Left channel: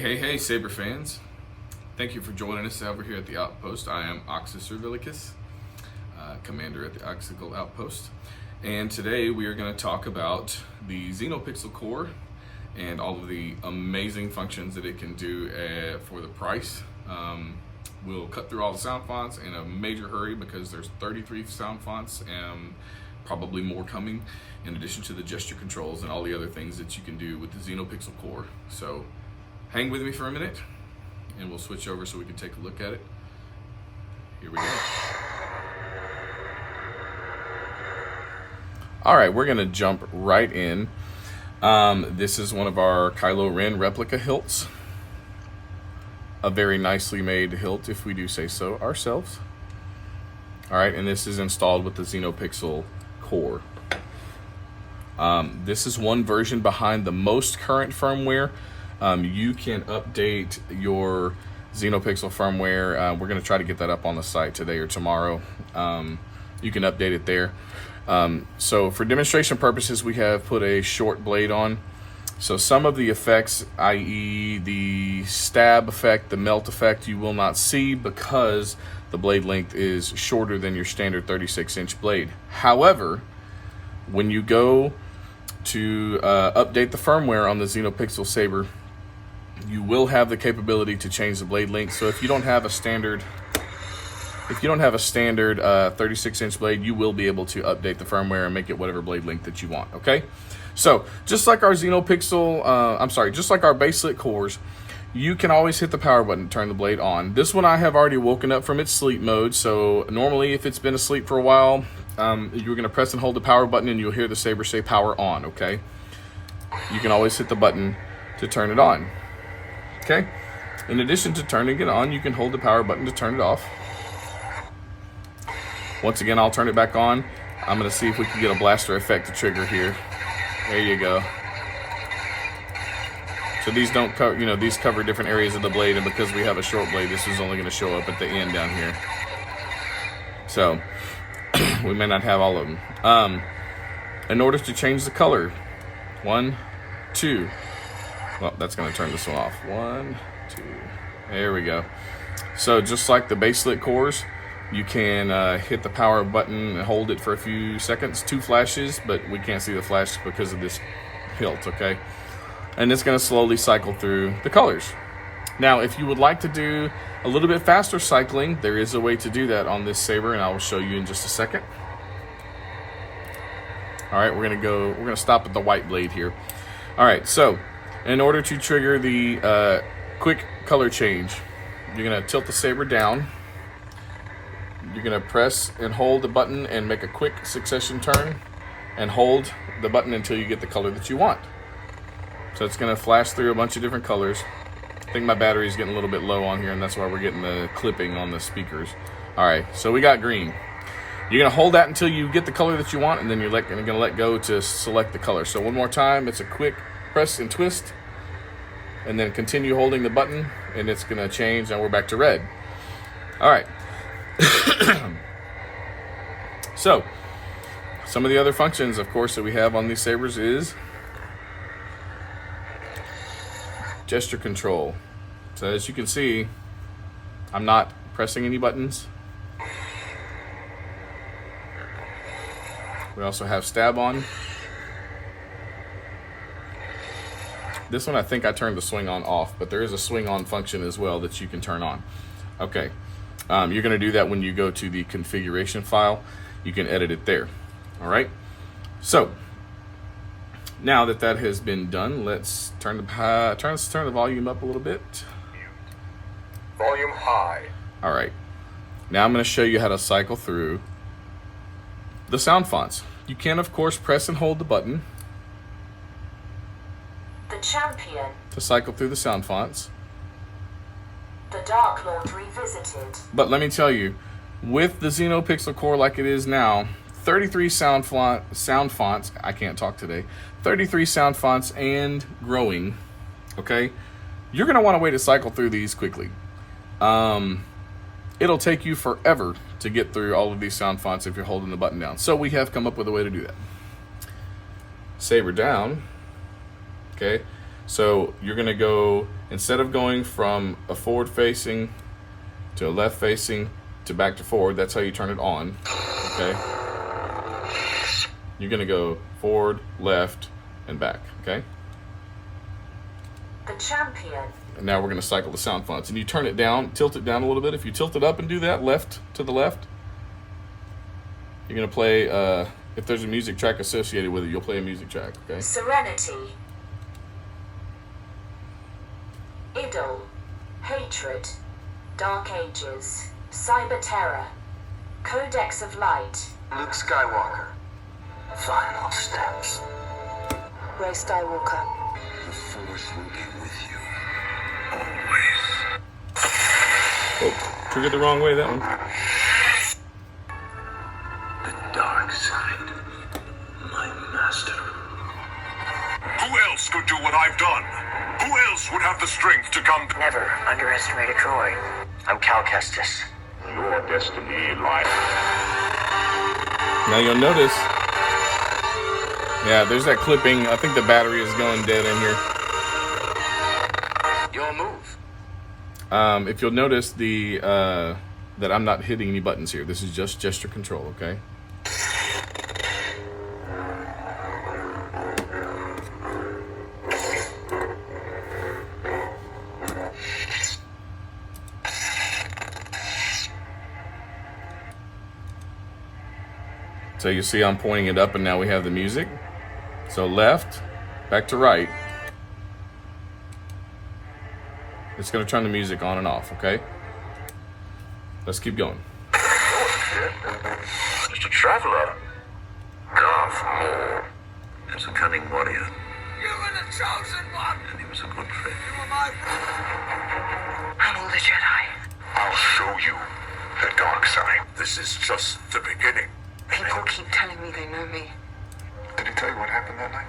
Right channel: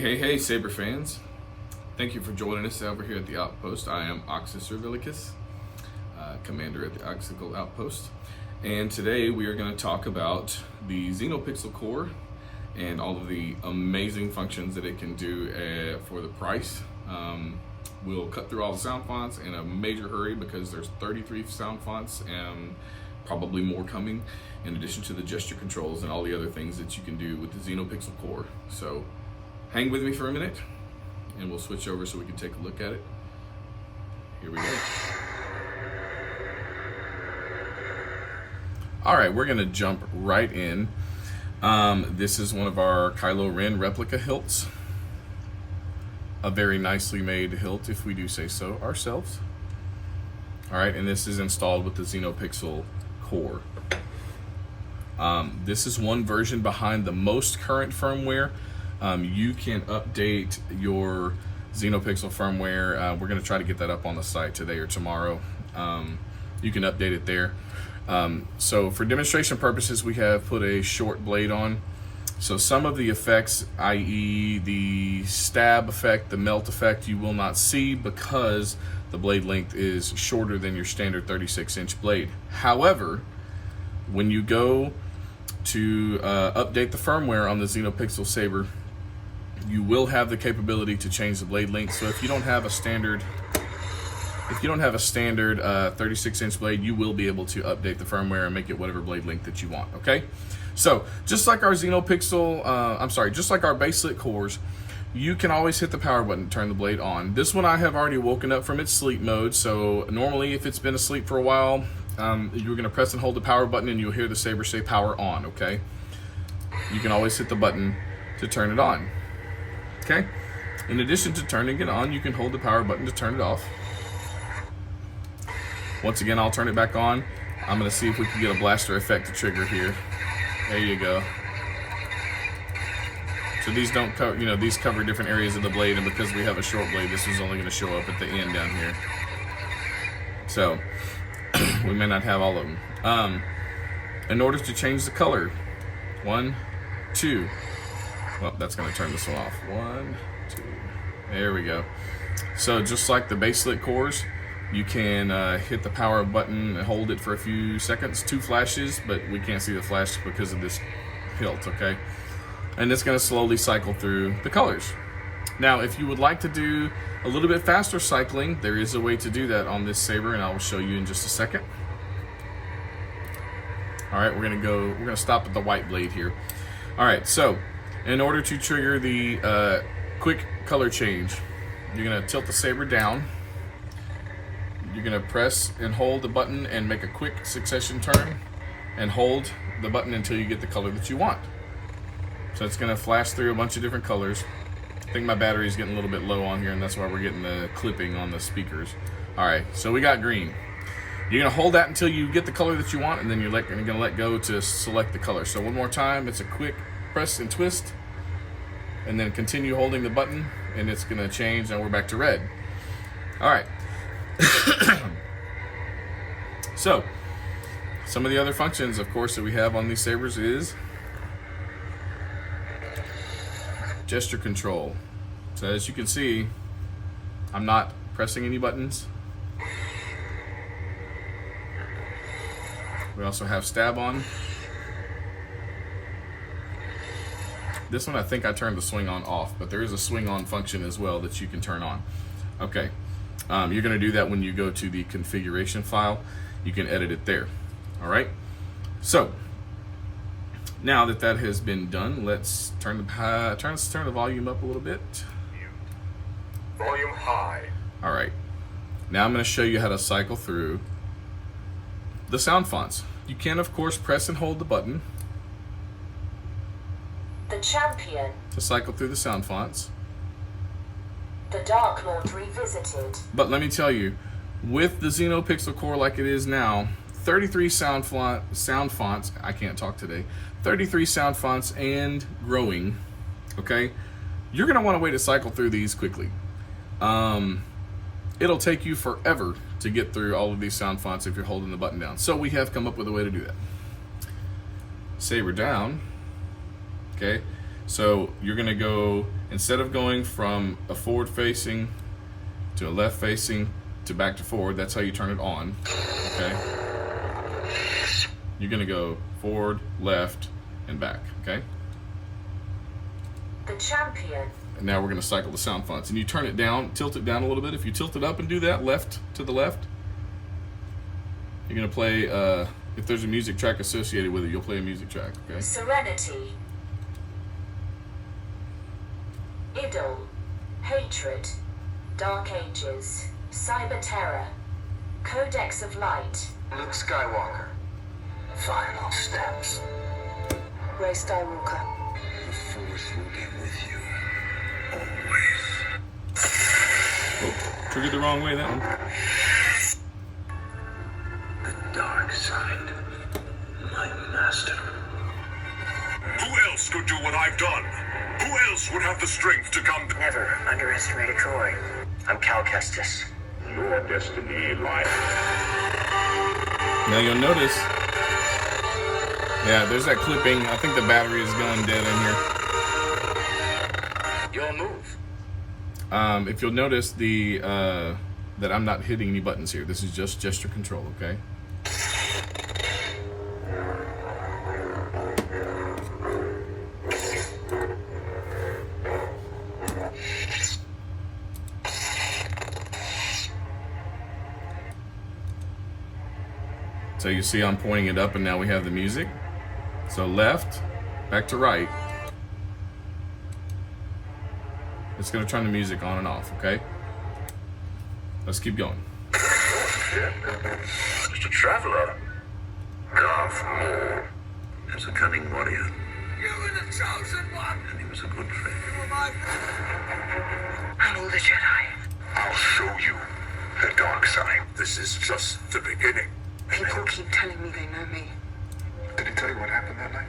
Hey, Saber fans. Thank you for joining us over here at the Outpost. I am Oxus Servilicus, commander at the Oxical Outpost. And today we are going to talk about the Xenopixel core and all of the amazing functions that it can do for the price. We'll cut through all the sound fonts in a major hurry because there's 33 sound fonts and probably more coming, in addition to the gesture controls and all the other things that you can do with the Xenopixel core. So hang with me for a minute and we'll switch over so we can take a look at it. Here we go. All right, we're gonna jump right in. This is one of our Kylo Ren replica hilts. A very nicely made hilt, if we do say so ourselves. All right, and this is installed with the Xenopixel core. This is one version behind the most current firmware. You can update your Xenopixel firmware. We're going to try to get that up on the site today or tomorrow. You can update it there. So for demonstration purposes, we have put a short blade on. So some of the effects, i.e. the stab effect, the melt effect, you will not see because the blade length is shorter than your standard 36-inch blade. However, when you go to update the firmware on the Xenopixel Saber, you will have the capability to change the blade length. So if you don't have a standard 36-inch blade, you will be able to update the firmware and make it whatever blade length that you want. Okay, so just like our Xenopixel, just like our baselit cores, you can always hit the power button to turn the blade on. This one I have already woken up from its sleep mode. So normally, if it's been asleep for a while, you're going to press and hold the power button, and you'll hear the Saber say power on. Okay, you can always hit the button to turn it on. Okay, in addition to turning it on, you can hold the power button to turn it off. Once again, I'll turn it back on. I'm going to see if we can get a blaster effect to trigger here. There you go. So these don't cover, these cover different areas of the blade, and because we have a short blade, this is only going to show up at the end down here. So we may not have all of them. In order to change the color, 1, 2. Well, that's going to turn this one off. 1, 2. There we go. So just like the baselit cores, you can hit the power button and hold it for a few seconds, 2 flashes, but we can't see the flash because of this hilt, okay? And it's going to slowly cycle through the colors. Now, if you would like to do a little bit faster cycling, there is a way to do that on this Saber, and I will show you in just a second. All right, we're going to stop at the white blade here. All right, so in order to trigger the quick color change, you're going to tilt the Saber down. You're going to press and hold the button and make a quick succession turn, and hold the button until you get the color that you want. So it's going to flash through a bunch of different colors. I think my battery is getting a little bit low on here, and that's why we're getting the clipping on the speakers. All right, so we got green. You're going to hold that until you get the color that you want, and then you're going to let go to select the color. So one more time, it's a quick press and twist, and then continue holding the button, and it's going to change, and we're back to red. All right. So some of the other functions, of course, that we have on these Sabers is gesture control. So as you can see, I'm not pressing any buttons. We also have stab on. This one, I think I turned the swing on off, but there is a swing on function as well that you can turn on. Okay, you're going to do that when you go to the configuration file. You can edit it there. All right, so now that that has been done, let's turn the volume up a little bit. Volume high. All right, now I'm going to show you how to cycle through the sound fonts. You can, of course, press and hold the button The Champion, to cycle through the sound fonts. The Dark Lord Revisited. But let me tell you, with the Xenopixel core like it is now, 33 sound fonts, I can't talk today, 33 sound fonts and growing, okay? You're gonna wanna wait to cycle through these quickly. It'll take you forever to get through all of these sound fonts if you're holding the button down. So we have come up with a way to do that. Saber down, okay? So you're gonna go, instead of going from a forward facing to a left facing to back to forward, that's how you turn it on, okay? You're gonna go forward, left, and back, okay? The champion. And now we're gonna cycle the sound fonts. And you turn it down, tilt it down a little bit. If you tilt it up and do that, left to the left, you're gonna play, if there's a music track associated with it, you'll play a music track, okay? Serenity. Idol. Hatred. Dark Ages. Cyber Terror. Codex of Light. Luke Skywalker. Final steps. Rey Skywalker. The Force will be with you. Always. Oh, triggered the wrong way, that one. The dark side. My master. Who else could do what I've done? Who else would have the strength to come? Never underestimate a droid. I'm Cal Kestis. Your destiny lies. Now you'll notice, yeah, there's that clipping. I think the battery is going dead in here. Your move. If you'll notice that I'm not hitting any buttons here. This is just gesture control, okay? So you see I'm pointing it up and now we have the music. So left, back to right. It's gonna turn the music on and off, okay? Let's keep going. Mr. Traveler. Darth Maul was a cunning warrior. You were the chosen one! And he was a good friend. You were my friend. I'm all the Jedi. I'll show you the dark side. This is just the beginning. People keep telling me they know me. Did he tell you what happened that night?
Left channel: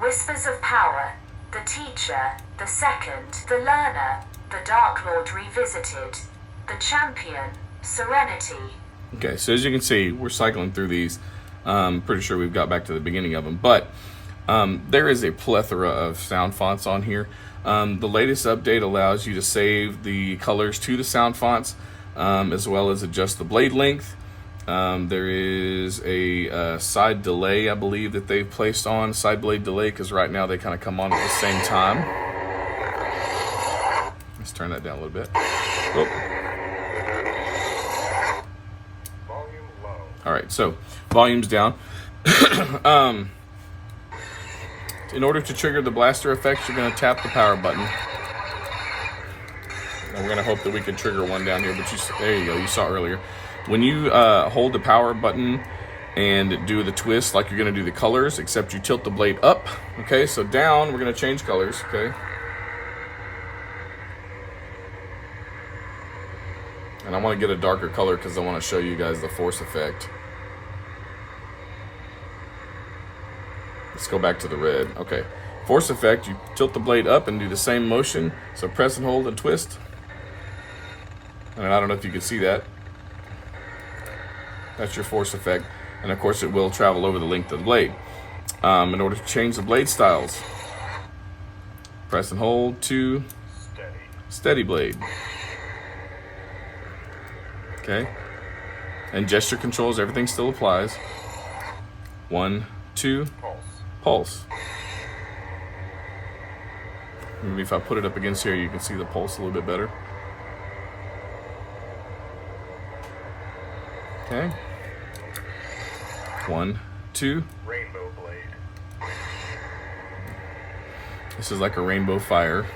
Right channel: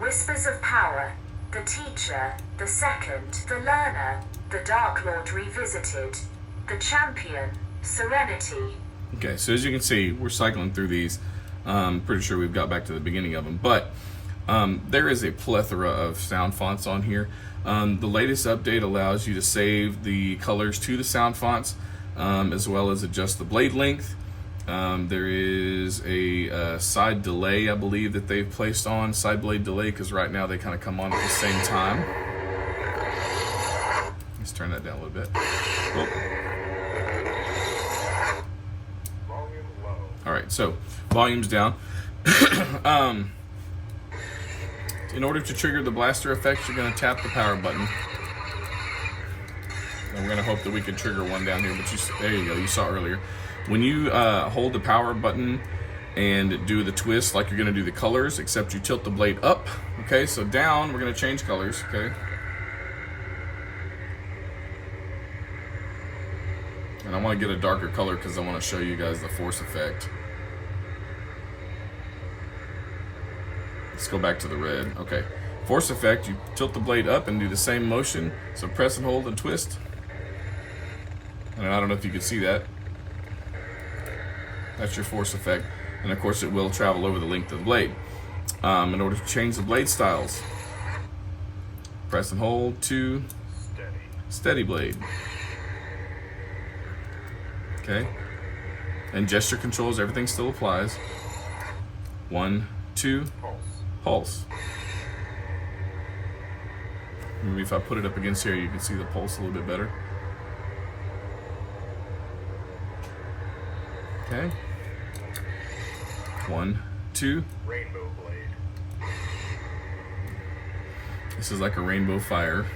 Whispers of Power. The Teacher. The Second. The Learner. The Dark Lord Revisited. The Champion. Serenity. Okay, so as you can see, we're cycling through these. Pretty sure we've got back to the beginning of them, but there is a plethora of sound fonts on here. The latest update allows you to save the colors to the sound fonts, as well as adjust the blade length. There is a side delay, I believe, that they've placed on, side blade delay, because right now they kind of come on at the same time. Let's turn that down a little bit. Whoop. All right, so volume's down. In order to trigger the blaster effect, you're going to tap the power button. And we're going to hope that we can trigger one down here, but there you go, you saw earlier. When you hold the power button and do the twist like you're going to do the colors, except you tilt the blade up. Okay, so down, we're going to change colors, okay? And I want to get a darker color because I want to show you guys the force effect. Let's go back to the red. Okay, force effect, you tilt the blade up and do the same motion. So press and hold and twist. And I don't know if you can see that. That's your force effect. And of course it will travel over the length of the blade. In order to change the blade styles, press and hold to steady blade. Okay, and gesture controls, everything still applies. 1, 2, pulse. Maybe if I put it up against here, you can see the pulse a little bit better. Okay. 1, 2. Rainbow blade. This is like a rainbow fire.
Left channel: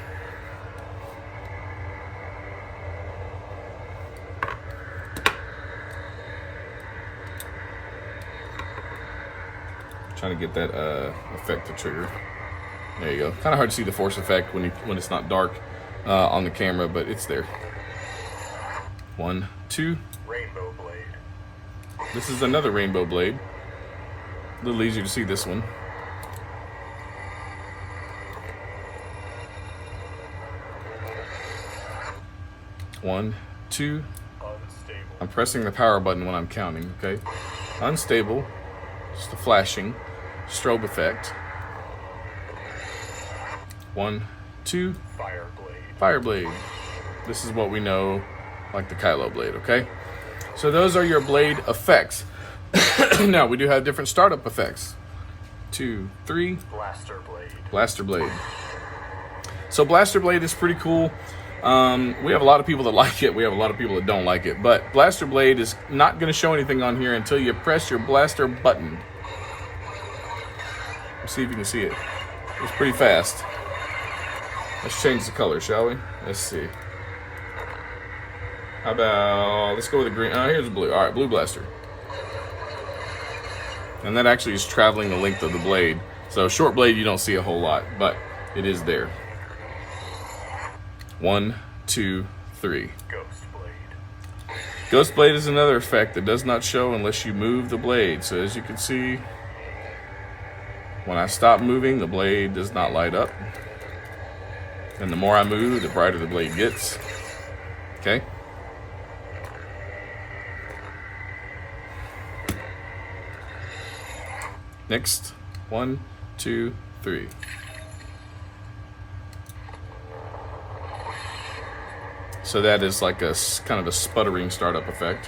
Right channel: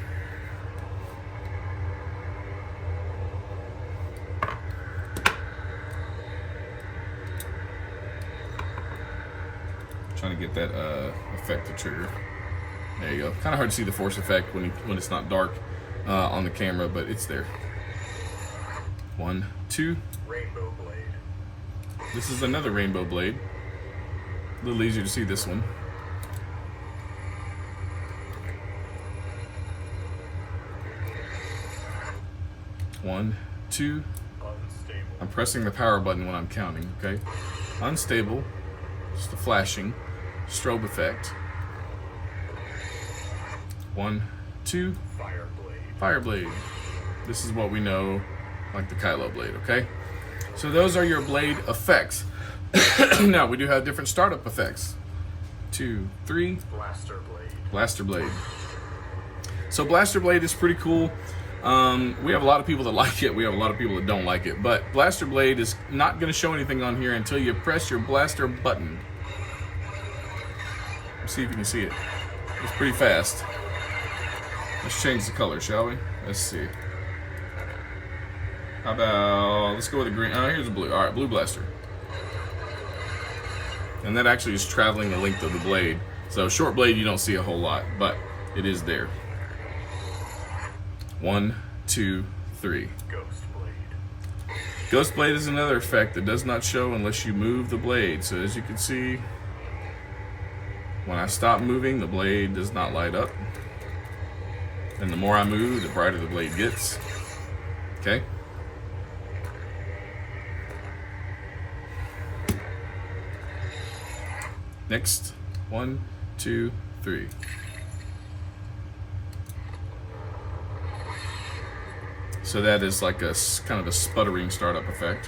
Trying to get that effect to trigger. There you go. Kind of hard to see the force effect when it's not dark on the camera, but it's there. 1, 2. Rainbow blade. This is another rainbow blade. A little easier to see this one. One, 2. Unstable. I'm pressing the power button when I'm counting, okay? Unstable. Just the flashing. Strobe effect. 1, 2, fire blade. This is what we know like the Kylo blade, okay? So those are your blade effects. Now we do have different startup effects. 2, 3. Blaster blade. So blaster blade is pretty cool. We have a lot of people that like it. We have a lot of people that don't like it. But blaster blade is not going to show anything on here until you press your blaster button. Let's see if you can see it. It's pretty fast. Let's change the color, shall we? Let's see. How about, let's go with the green. Oh, here's the blue. All right, blue blaster. And that actually is traveling the length of the blade. So short blade, you don't see a whole lot, but it is there. 1, 2, 3. Ghost blade is another effect that does not show unless you move the blade. So as you can see, when I stop moving, the blade does not light up. And the more I move, the brighter the blade gets. Okay? Next, 1, 2, 3. So that is like a kind of a sputtering startup effect.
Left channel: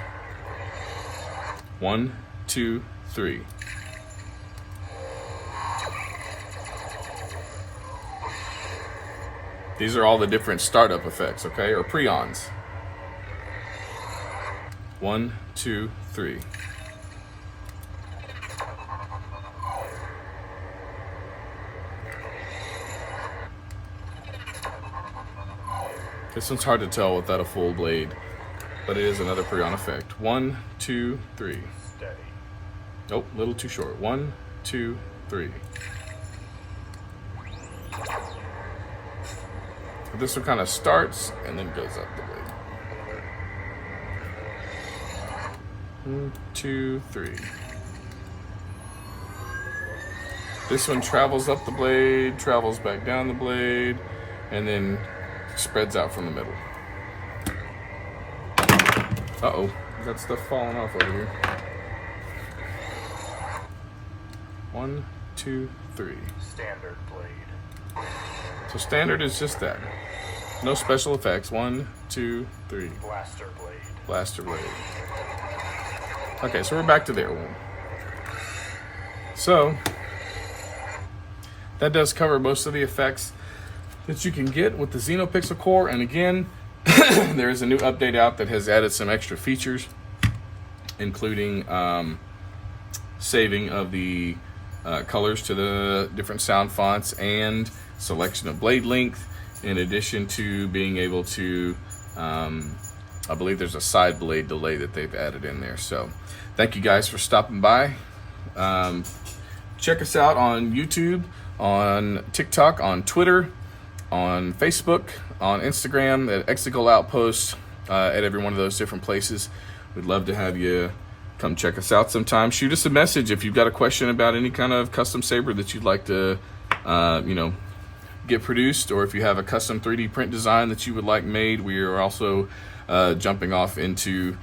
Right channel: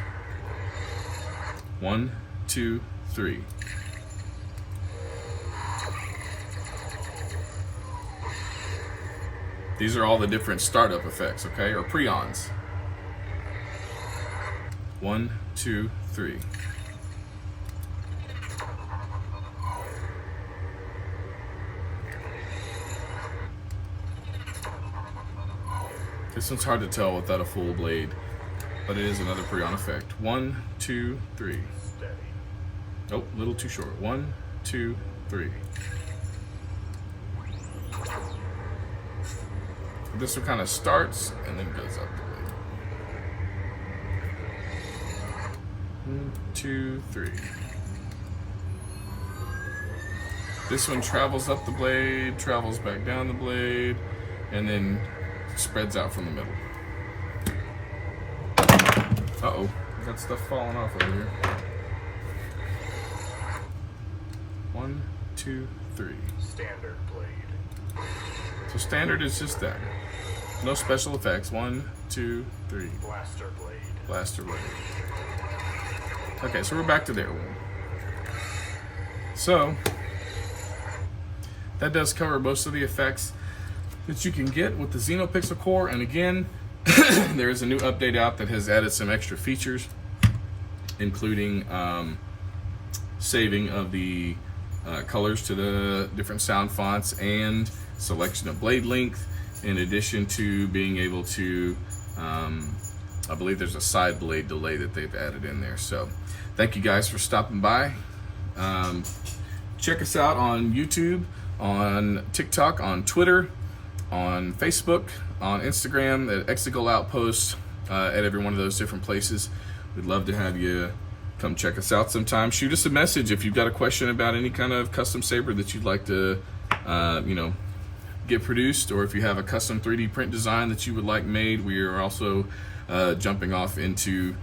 1, 2, 3. These are all the different startup effects, okay, or preons. 1, 2, 3. This one's hard to tell without a full blade, but it is another preon effect. 1, 2, 3. Oh, a little too short. 1, 2, 3. This one kind of starts and then goes up the blade. 1, 2, 3. This one travels up the blade, travels back down the blade, and then spreads out from the middle. Uh-oh, got stuff falling off over here. 1, 2, 3. Standard blade. So standard is just that. No special effects. 1, 2, 3. Blaster blade. Blaster blade. Okay, so we're back to there one. So that does cover most of the effects that you can get with the Xenopixel core. And again, there is a new update out that has added some extra features, including saving of the colors to the different sound fonts and selection of blade length, in addition to being able to, I believe there's a side blade delay that they've added in there. So thank you guys for stopping by. Check us out on YouTube, on TikTok, on Twitter, on Facebook, on Instagram, at Exical Outpost, at every one of those different places. We'd love to have you come check us out sometime. Shoot us a message if you've got a question about any kind of custom saber that you'd like to, get produced, or if you have a custom 3D print design that you would like made. We are also jumping off into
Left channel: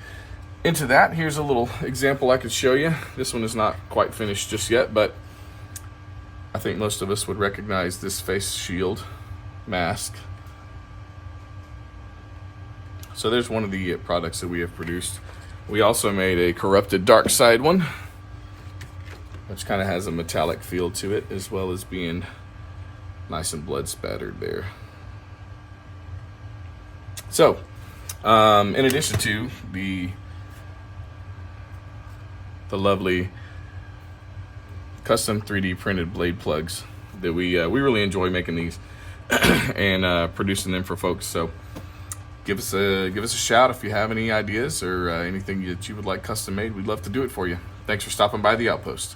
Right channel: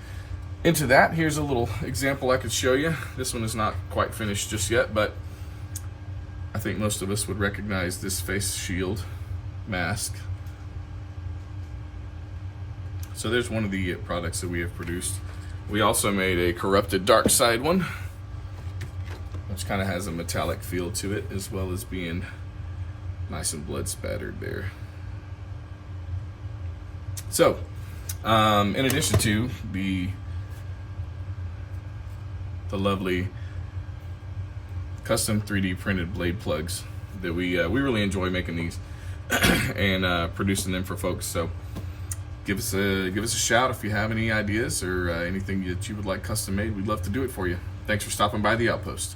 that. Here's a little example I could show you. This one is not quite finished just yet, but I think most of us would recognize this face shield mask. So there's one of the products that we have produced. We also made a corrupted dark side one, which kind of has a metallic feel to it, as well as being nice and blood spattered there. So in addition to the lovely custom 3D printed blade plugs that we really enjoy making these and producing them for folks. So give us a shout if you have any ideas or anything that you would like custom made. We'd love to do it for you. Thanks for stopping by the Outpost.